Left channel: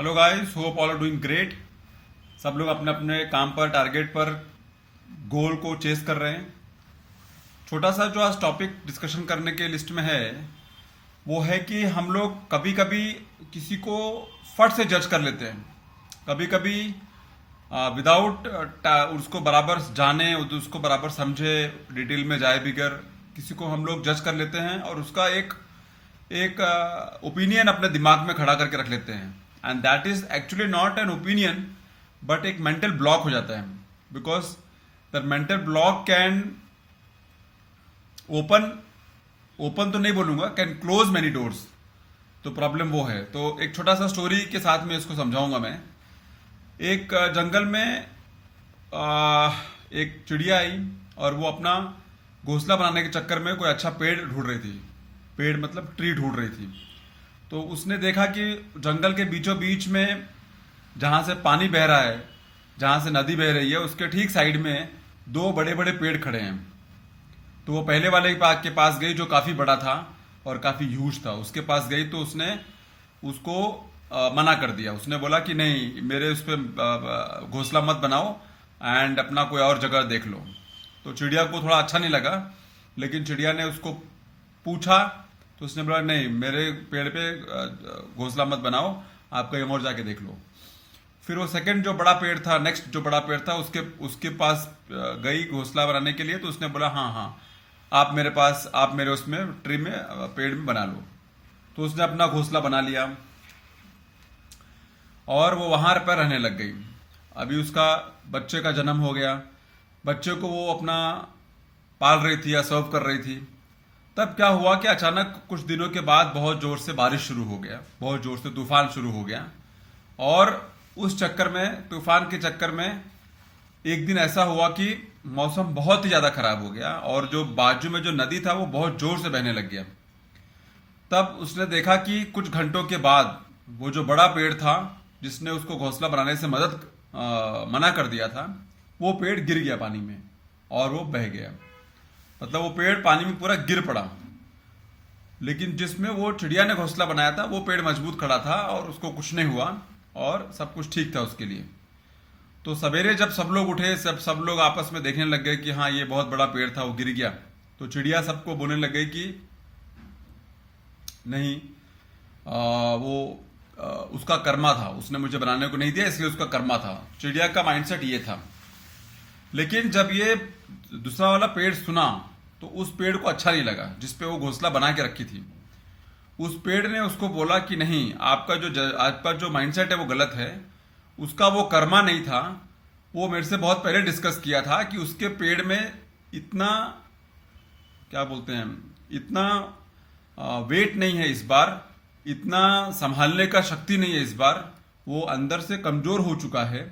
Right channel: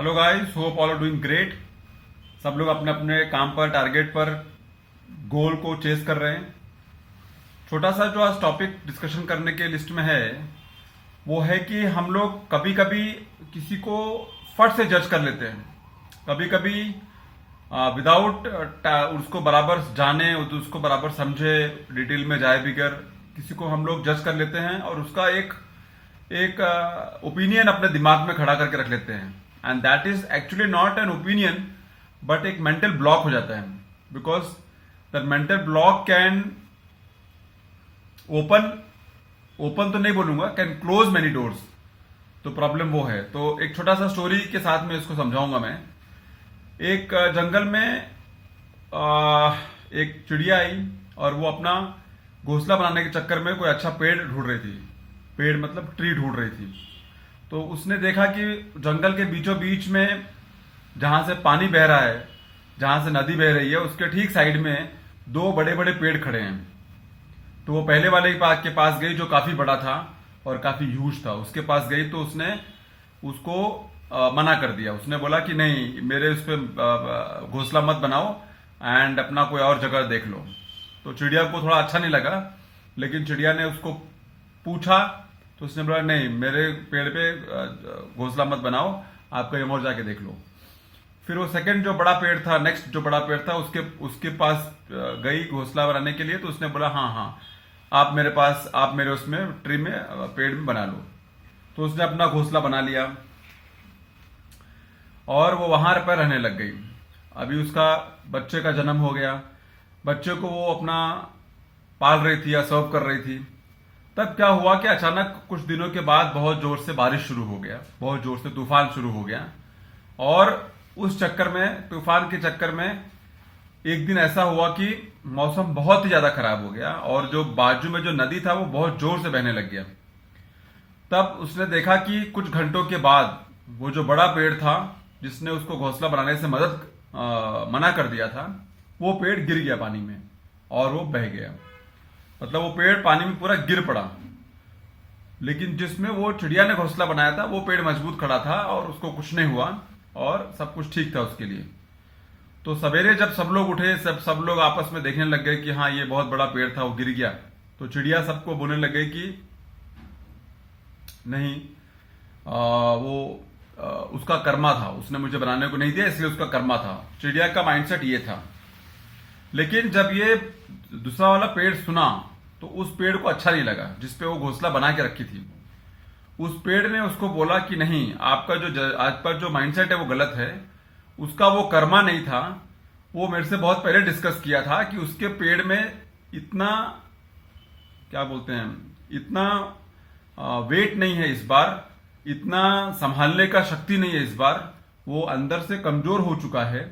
Hello guys, hope all are doing great. सब लोग अपने अपने काम पर, टारगेट पर, गोल को चेस कर रहे हैं। छोटा सा जो आज टॉपिक डिस्कशन करने के लिस्ट में है वो है कि हम लोग कभी कभी किसी को फट से जज कर लेते हैं। कभी कभी विदाउट उसको बराबर जाने, उसको बराबर समझे, डिटेल में जाए बिगर किसी को हम लोग जज कर लेते हैं और उसका एक एक ओपिनियन अपने दिमाग में खड़ा करके रख लेते हैं। And that is actually not an opinion but एक मेंटल ब्लॉक हो जाता है, because the mental block can open open तो नहीं बोलूंगा, कैन क्लोज मेनी डोर्स। तो प्रॉब्लम वो है। तो एक छोटा सा स्टोरी के साथ में इसको समझाऊंगा मैं। एक जंगल में एक चिड़िया आई और वो अपना घोंसला बनाने के चक्कर में कोई अच्छा पेड़ ढूंढ रही थी। पेड़ मतलब ट्री ढूंढ रही थी। तो उसने देखा कि जंगल के बीचों बीच में जहां से पानी बह रहा है, जहां से नदी बह रही है, उसके ठीक साइड में दो बड़े बड़े पेड़ खड़े हैं। तो वो पहले वाले के पास गई जो काफी बड़ा था और काफी ह्यूज था। उसके पास गई तो उसने उसको मना कर दिया। उसने बोला कि नहीं, मेरे उस पर घोंसला मत बनाओ एंड अपना कोई और जगह देख लो। तो चिड़िया को थोड़ा अच्छा नहीं लगा, लेकिन चिड़िया ने उसको पूछा तो उसने बोला नहीं, मेरे पेड़ पे घोंसला मत बनाओ, आप कहीं और जाके देख लो। फिर वो सेकंड जो बड़ा पेड़ था, नेक्स्ट जो बड़ा पेड़ था, उसके उसके पास गई घोंसला बनाने के लिए। तो उसने बोला हाँ हाँ, आप मेरे उसमें ट्री में, पेड़ में बना लो। तो उसने अपना घोंसला बना लिया और वो वहां पर रहने लग गई। अभी उसका बच्चे का जन्म हो गया। बच्चे को वो अपना पाल रही थी या सर्व कर रही थी। तब क्या हुआ कि अचानक कुछ दिनों के बाद बहुत जोर से बारिश शुरू हो गया, बहुत जोर से तूफान शुरू हो गया। और उस चक्कर में, तूफान के चक्कर में, एक दिन ऐसा हुआ कि मौसम बहुत ही ज्यादा खराब हो गया और जो बाजू में जो नदी था वो बहुत जोर से बहने लग गया। तब उसने देखा कि कुछ घंटों के बाद वो जो बड़ा पेड़ था जिसने उसको घोंसला बनाने से मना कर दिया था, वो पेड़ गिर गया पानी में और वो बह गया। मतलब वो पेड़ पानी में पूरा गिर पड़ा। लेकिन जिसमें वो चिड़िया ने घोंसला बनाया था वो पेड़ मजबूत खड़ा था और उसको कुछ नहीं हुआ और सब कुछ ठीक था उसके लिए। तो सवेरे जब सब लोग उठे, सब लोग आपस में देखने लग गए कि हाँ, ये बहुत बड़ा पेड़ था, वो गिर गया। तो चिड़िया सबको बोलने लग गई कि नहीं, उसका कर्मा था, उसने मुझे बनाने को नहीं दिया, इसलिए उसका कर्मा था। चिड़िया का माइंडसेट ये था। लेकिन जब ये दूसरा वाला पेड़ सुना तो उस पेड़ को अच्छा नहीं लगा जिसपे वो घोंसला बना के रखी थी। उस पेड़ ने उसको बोला कि नहीं, आपका जो माइंडसेट है वो गलत है। उसका वो कर्मा नहीं था। वो मेरे से बहुत पहले डिस्कस किया था कि उसके पेड़ में इतना, क्या बोलते हैं, इतना वेट नहीं है इस बार, इतना संभालने का शक्ति नहीं है इस बार। वो अंदर से कमजोर हो चुका है,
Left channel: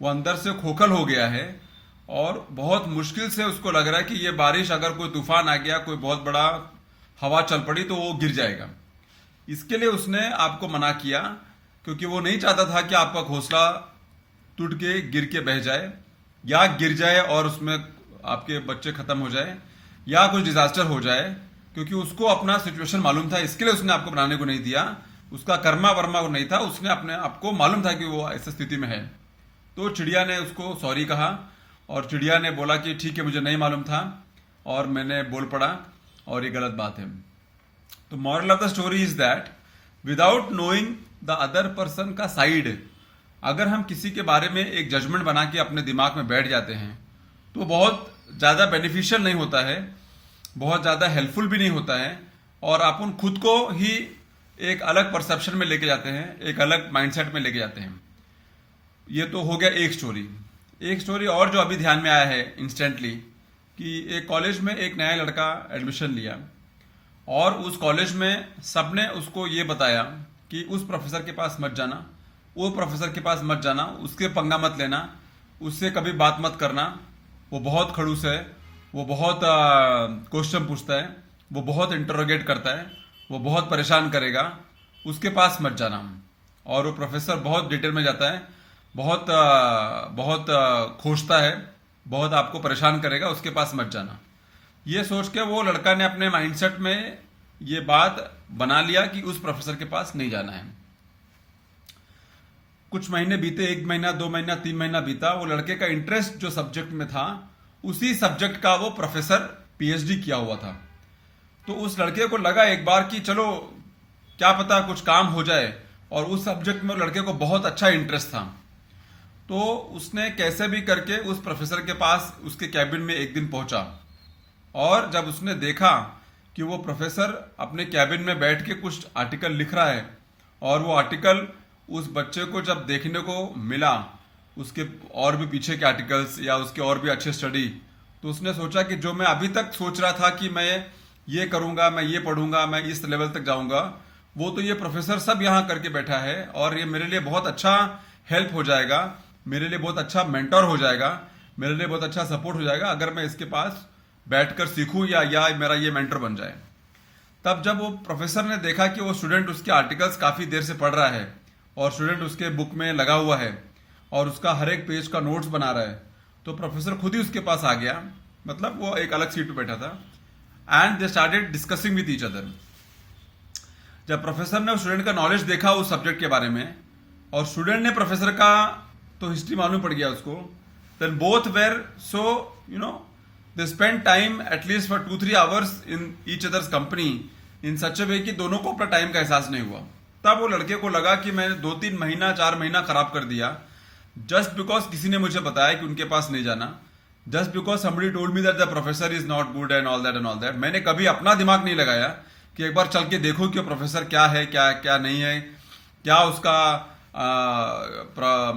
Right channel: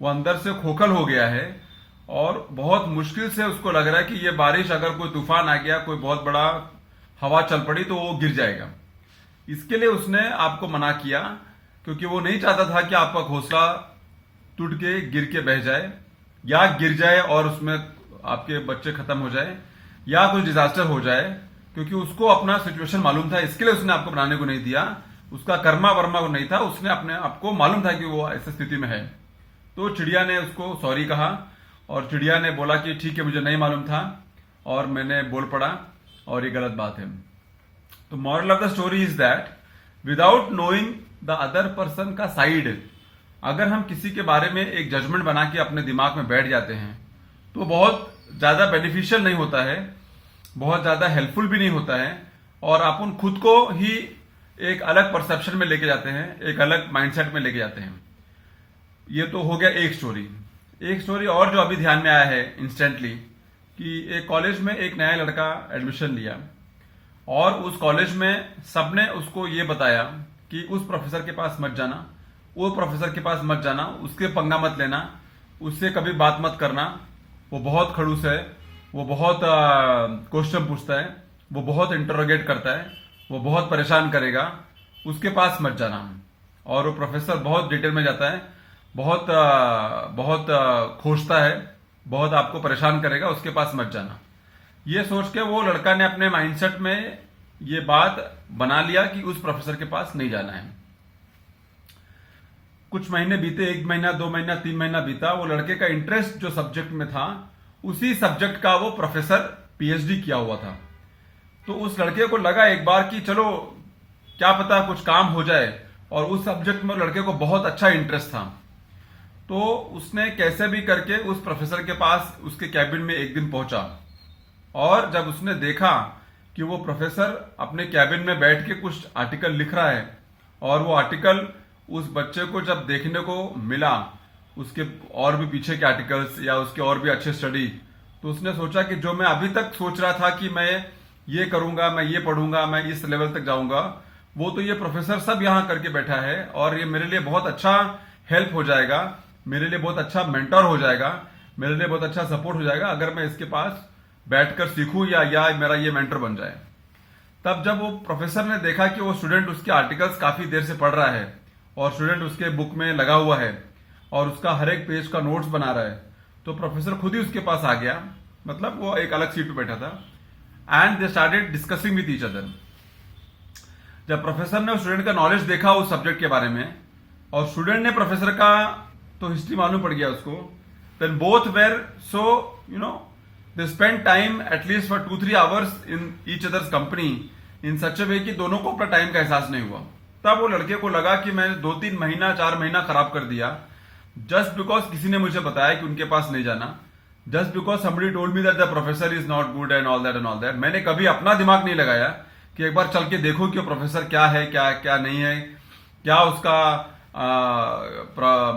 वो अंदर से खोखल हो गया है और बहुत मुश्किल से उसको लग रहा है कि ये बारिश, अगर कोई तूफान आ गया, कोई बहुत बड़ा हवा चल पड़ी तो वो गिर जाएगा। इसके लिए उसने आपको मना किया, क्योंकि वो नहीं चाहता था कि आपका घोंसला टूट के गिर के बह जाए या गिर जाए और उसमें आपके बच्चे खत्म हो जाए या कुछ डिजास्टर हो जाए, क्योंकि उसको अपना सिचुएशन मालूम था। इसके लिए उसने आपको बनाने को नहीं दिया। उसका कर्मा वर्मा को नहीं था, उसने अपने आपको मालूम था कि वो ऐसी स्थिति में है। तो चिड़िया ने उसको सॉरी कहा और चिड़िया ने बोला कि ठीक है, मुझे नहीं मालूम था और मैंने बोल पड़ा और ये गलत बात है। तो moral of the story is that without knowing the other person का साइड, अगर हम किसी के बारे में एक जजमेंट बना के अपने दिमाग में बैठ जाते हैं तो बहुत ज्यादा बेनिफिशियल नहीं होता है, बहुत ज्यादा हेल्पफुल भी नहीं होता है और अपन खुद को ही एक अलग परसेप्शन में लेके जाते हैं, एक अलग माइंडसेट में लेके जाते हैं। ये तो हो गया एक स्टोरी। एक स्टोरी और जो अभी ध्यान में आया है इंस्टेंटली, कि एक कॉलेज में एक नया लड़का एडमिशन लिया और उस कॉलेज में सबने उसको ये बताया कि उस प्रोफेसर के पास मत जाना, वो प्रोफेसर के पास मत जाना, उसके पंगा मत लेना, उससे कभी बात मत करना, वो बहुत खड़ूस है, वो बहुत क्वेश्चन पूछता है, वो बहुत इंटरोगेट करता है, वो बहुत परेशान करेगा, उसके पास मत जाना। और वो प्रोफेसर बहुत डिटेल में जाता है, बहुत खोजता है, बहुत आपको परेशान करेगा, उसके पास मत जाना। ये सोच के वो लड़का ने अपने माइंडसेट में ये बात बना लिया कि उस प्रोफेसर के पास नहीं जाना है। कुछ महीने बीते, 1 महीना, 2 महीना, 3 महीना बीता, वो लड़के का इंटरेस्ट जो सब्जेक्ट में था उसी सब्जेक्ट का वो प्रोफेसर पीएचडी किया हुआ था। तो उस लड़के को लगा एक बार कि चलो क्या पता कुछ काम हो जाए, और उस सब्जेक्ट में लड़के को बहुत अच्छा इंटरेस्ट था। तो उसने कैसे भी करके उस प्रोफेसर के पास उसके कैबिन में एक दिन पहुंचा, और जब उसने देखा कि वो प्रोफेसर अपने कैबिन में बैठ के कुछ आर्टिकल लिख रहा है, और वो आर्टिकल उस बच्चे को जब देखने को मिला, उसके और भी पीछे के आर्टिकल्स या उसके और भी अच्छे स्टडी, तो उसने सोचा कि जो मैं अभी तक सोच रहा था कि मैं ये करूंगा, मैं ये पढ़ूंगा, मैं इस लेवल तक जाऊंगा, वो तो ये प्रोफेसर सब यहां करके बैठा है, और ये मेरे लिए बहुत अच्छा हेल्प हो जाएगा, मेरे लिए बहुत अच्छा मेंटर हो जाएगा, मेरे लिए बहुत अच्छा सपोर्ट हो जाएगा अगर मैं इसके पास बैठकर सीखूं या मेरा ये मेंटर बन जाए। तब जब वो प्रोफेसर ने देखा कि वो स्टूडेंट उसके आर्टिकल्स काफी देर से पढ़ रहा है, और स्टूडेंट उसके बुक में लगा हुआ है, और उसका हर एक पेज का नोट्स बना रहा है, तो प्रोफेसर खुद ही उसके पास आ गया, मतलब वो एक अलग सीट पे बैठा था, and they started discussing with each other. जब प्रोफेसर ने स्टूडेंट का नॉलेज देखा उस सब्जेक्ट के बारे में, और स्टूडेंट ने प्रोफेसर का तो हिस्ट्री मालूम पड़ गया उसको, then both were so they spend time at least for 2-3 hours in each others company in such a way कि दोनों को अपना टाइम का एहसास नहीं हुआ। तब वो लड़के को लगा कि मैंने 2-3 महीना 4 महीना खराब कर दिया, जस्ट बिकॉज किसी ने मुझे बताया कि उनके पास नहीं जाना, just because somebody told me that the professor is not good and all that। मैंने कभी अपना दिमाग नहीं लगाया कि एक बार चल के देखो कि प्रोफेसर क्या है, क्या क्या नहीं है, क्या उसका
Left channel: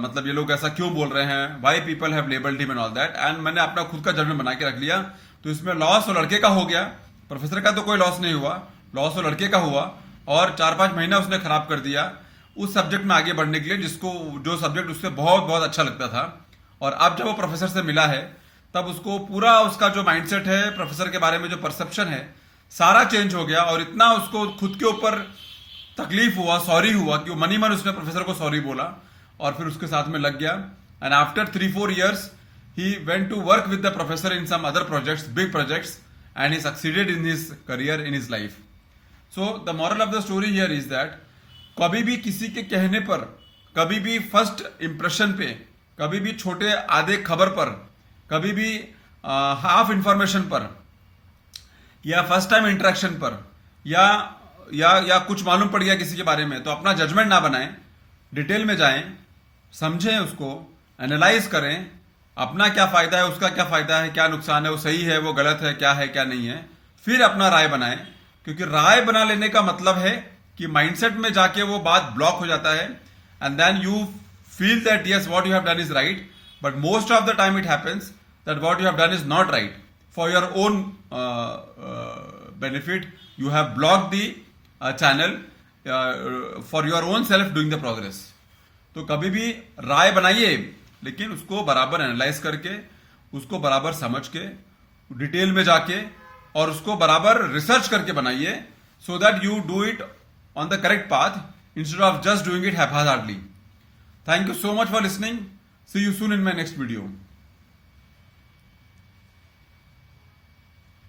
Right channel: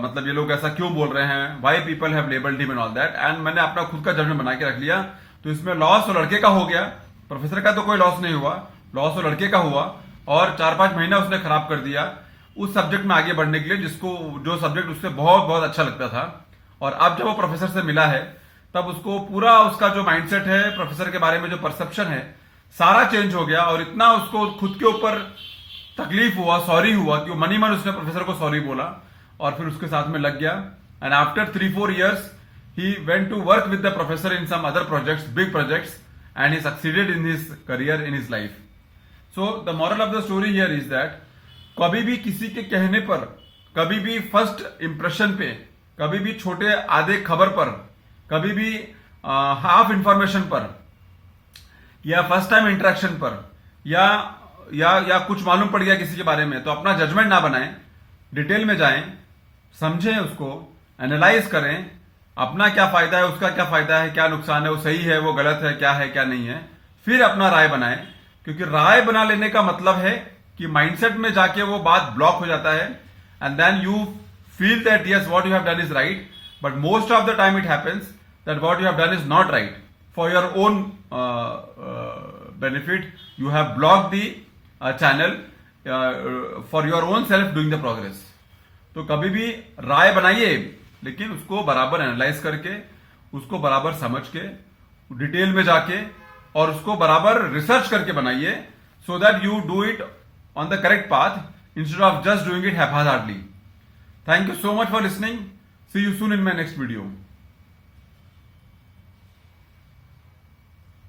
मतलब ये लोग ऐसा क्यों बोल रहे हैं, why people have labelled him and all that, and मैंने अपना खुद का जजमेंट बना के रख लिया। तो इसमें लॉस वो लड़के का हो गया, प्रोफेसर का तो कोई लॉस नहीं हुआ, लॉस वो लड़के का हुआ, और 4-5 महीना उसने खराब कर दिया उस सब्जेक्ट में आगे बढ़ने के लिए जो सब्जेक्ट उससे बहुत बहुत अच्छा लगता था। और अब जब वो प्रोफेसर से मिला है, तब उसको पूरा उसका जो माइंडसेट है, प्रोफेसर के बारे में जो परसेप्शन है, सारा चेंज हो गया, और इतना उसको खुद के ऊपर तकलीफ हुआ, सॉरी हुआ, कि मन ही मन उसने प्रोफेसर को सॉरी बोला, और फिर उसके साथ में लग गया। And after 3-4 years he went to work with the professor in some other projects, big projects, and he succeeded in his career, in his life. So the moral of the story here is that कभी भी किसी के कहने पर, कभी भी first impression पे, कभी भी छोटे आधे खबर पर, कभी भी हाफ इंफॉर्मेशन पर, या फर्स्ट टाइम इंटरेक्शन पर, या कुछ मालूम पड़ गया किसी के बारे में, तो अपना जजमेंट ना बनाएं, डिटेल में जाएं, समझें उसको, एनालाइज करें, अपना क्या फायदा है, उसका क्या फायदा है, क्या नुकसान है, वो सही है, वो गलत है, क्या नहीं है, फिर अपना राय बनाएं। क्योंकि राय बना लेने का मतलब है कि माइंडसेट में जाके वो बात ब्लॉक हो जाता है, and then you feel that yes what you have done is right, but most of the time it happens that what you have done is not right for your own benefit. You have block the channel for your own self doing the progress. तो कभी भी राय बनाइए, लेकिन उसको बराबर analyse करके, उसको बराबर समझ के, डिटेल में जाके, और उसको बराबर रिसर्च करके बनाइए, so that you do it on the correct path instead of just doing it haphazardly. Thank you so much for listening. See you soon in my next video.